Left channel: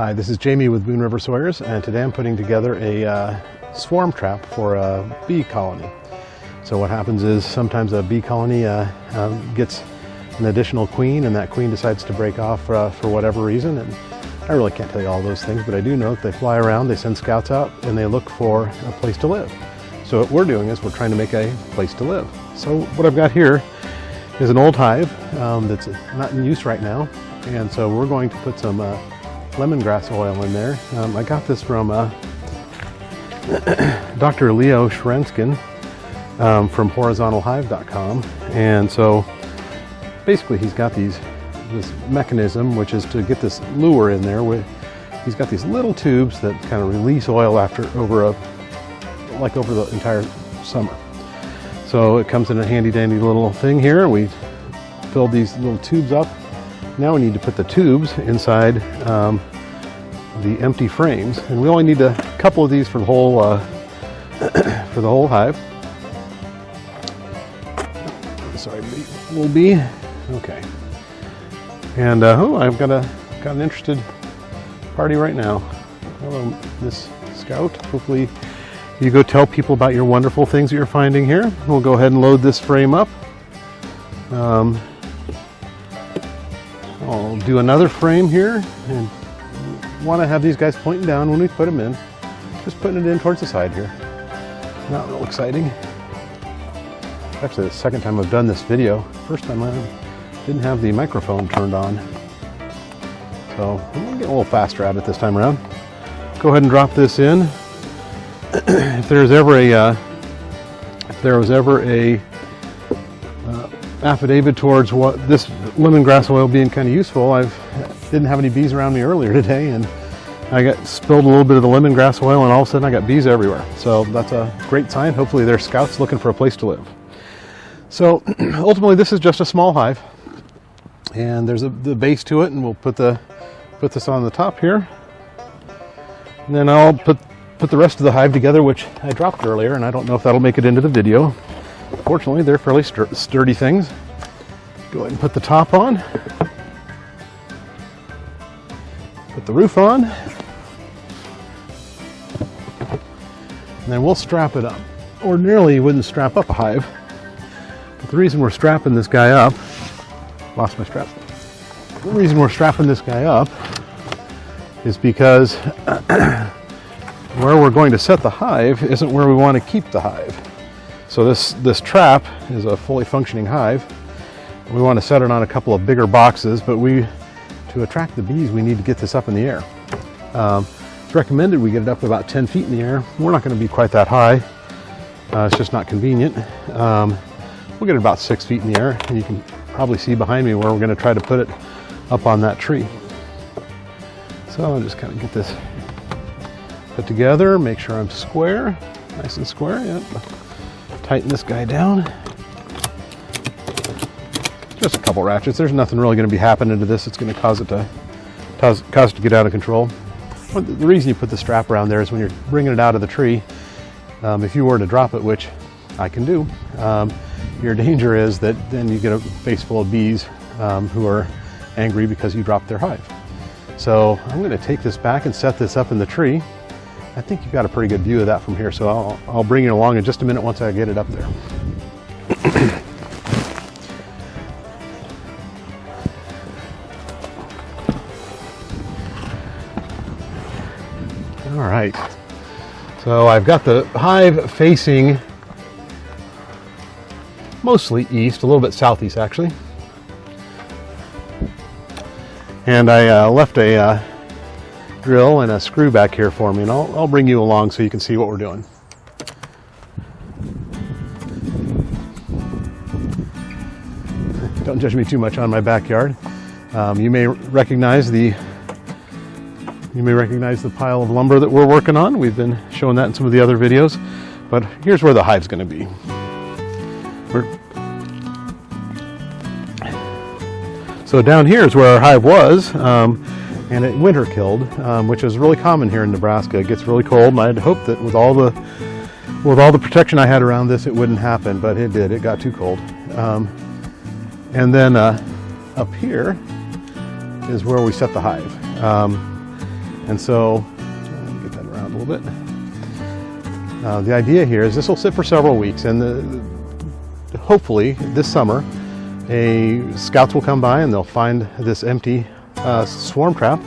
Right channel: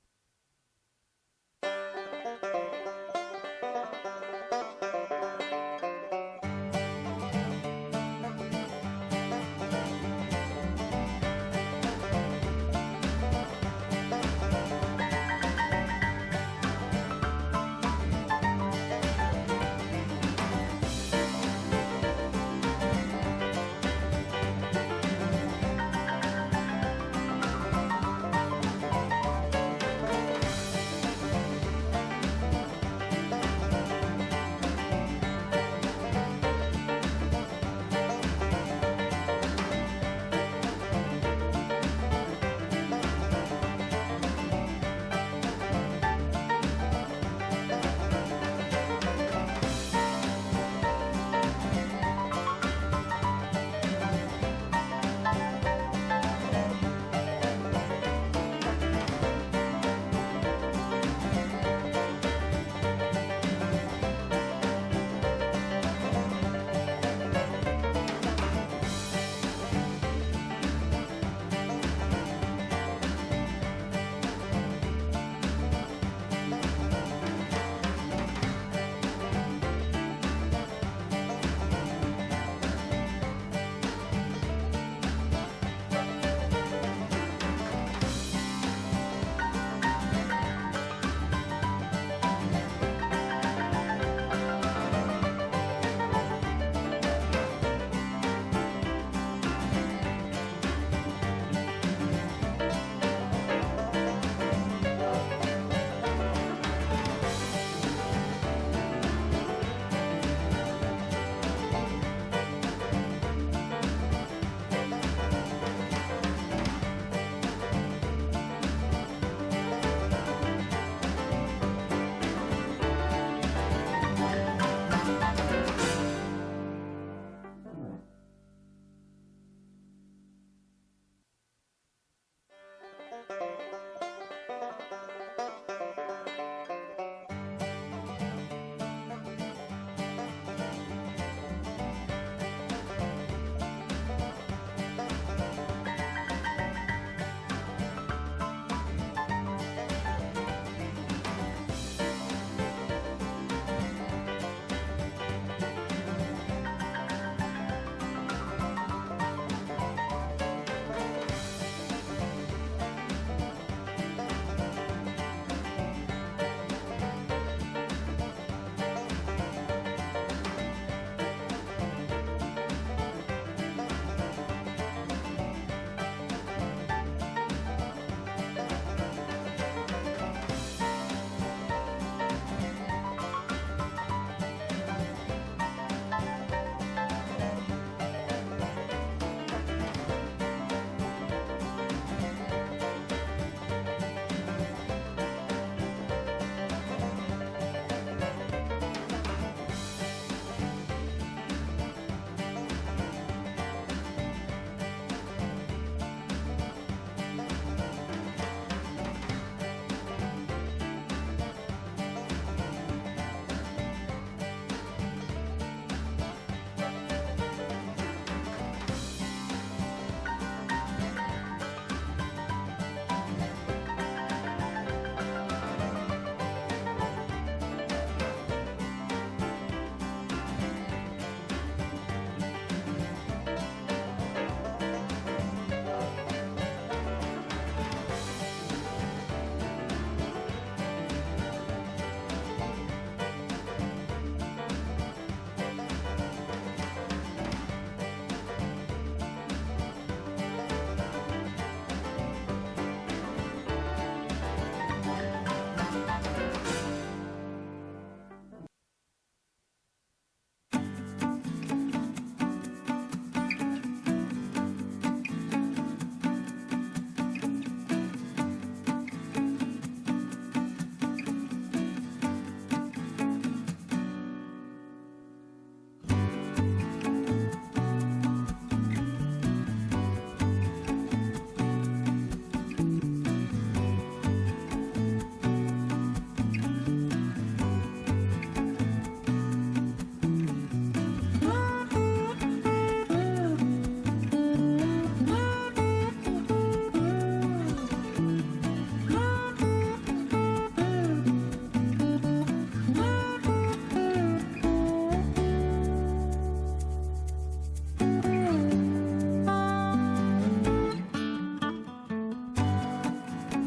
Hi, this is Jamie with Boone River Sawyers, and today I'm putting together a swarm trap for a bee colony. So what happens is sometimes a bee colony gets an additional queen, and that queen decides to break off for whatever reason. And I really can't tell you all those things, but I do know that they fly around, they send scouts out, and they look for a place to live. So what we're doing is we're trying to make a place to live. So what I've got here is an old hive that's not in use right now, and so we're going to put some lemongrass oil in there. I got this from Dr. Leo Shrenskin from horizontalhive.com, and so basically he's got this mechanism, which is to get this lure in there. He's got these little tubes that kind of release oil over the entire summer. So it comes in a handy dandy little thing here. We filled these little tubes up. Now we need to put the tubes inside the empty frames, and we only need a couple of these for the whole hive. Sorry, little bee. Okay. And I've got an interested party right now. Hello, Miss Scout. Hopefully you go tell people about your wonderful things that you're finding here. We'll go ahead and load this frame up. I'll do another frame here, and want to have these guys pointing down when we put them in. Just putting it in towards the side here. Not real exciting. Actually, the second time I've done this video. First time I didn't have the microphone turned on. So we'll get a little faster at it this time around. Go ahead and drop this in. If there was ever a affidavit towards what this lemongrass oil being kind of useful, I didn't have any bees around me earlier today, and I got spilled a little bit of the lemongrass oil, and all of a sudden I got bees everywhere. So that's a great sign. Hopefully they're scouts looking for a place to live. So ultimately this is just a small hive, and there's the base to it, and we'll put this on the top here, and then I'll put the rest of the hive together, which I dropped earlier, and I don't know if that'll make it into the video. Fortunately, they're fairly sturdy things. Go ahead and put the top on. Put the roof on. And then we'll strap it up. Ordinarily, you wouldn't strap up a hive. But the reason we're strapping this guy up, lost my strap. The reason we're strapping this guy up is because where we're going to set the hive isn't where we want to keep the hive. So this trap is a fully functioning hive. We want to set it on a couple of bigger boxes, but to attract the bees, we need to get this up in the air. It's recommended we get it up to about 10 feet in the air. We're not going to be quite that high. It's just not convenient. We'll get it about 6 feet in the air, and you can probably see behind me where we're going to try to put it up on that tree. So I'll just kind of get this put together, make sure I'm square, nice and square. Yep. Tighten this guy down. Just a couple ratchets. There's nothing really going to be happening to this. It's going to cause it to get out of control. The reason you put the strap around there is when you're bringing it out of the tree, if you were to drop it, which I can do, your danger is that then you get a face full of bees who are angry because you dropped their hive. So I'm going to take this back and set this up in the tree. I think you've got a pretty good view of that from here, so I'll bring you along in just a minute once I get it up there. All right, so I've got the hive facing mostly east, a little bit southeast actually, and I left a drill and a screw back here for me, and I'll bring you along so you can see what we're doing. Don't judge me too much on my backyard. You may recognize the pile of lumber that we're working on. We've been showing that in some of the other videos, but here's where the hive's going to be. So down here is where our hive was. And it winter killed, which is really common here in Nebraska. It gets really cold, and I'd hoped that with all the protection I had around this, it wouldn't happen, but it did. It got too cold. And then up here is where we set the hive. And so, get that around a little bit. The idea here is this will sit for several weeks, and hopefully this summer, scouts will come by and they'll find this empty swarm trap,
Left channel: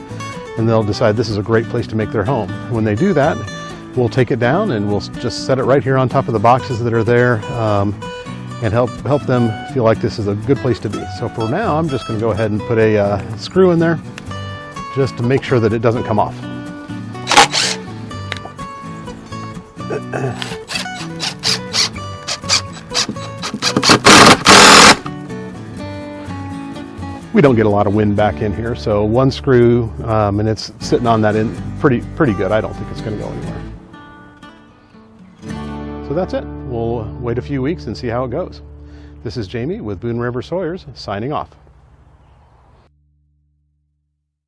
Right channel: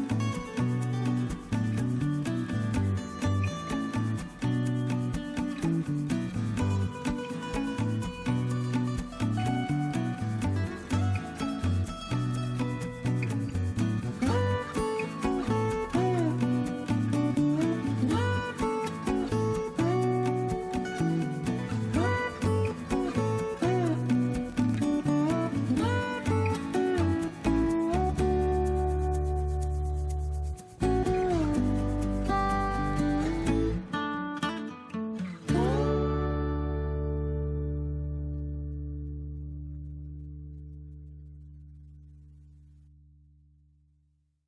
and they'll decide this is a great place to make their home. When they do that, we'll take it down and we'll just set it right here on top of the boxes that are there, and help them feel like this is a good place to be. So for now, I'm just going to go ahead and put a screw in there just to make sure that it doesn't come off. We don't get a lot of wind back in here, so one screw, and it's sitting on that end pretty good. I don't think it's going to go anywhere. So that's it. We'll wait a few weeks and see how it goes. This is Jamie with Boone River Sawyers signing off.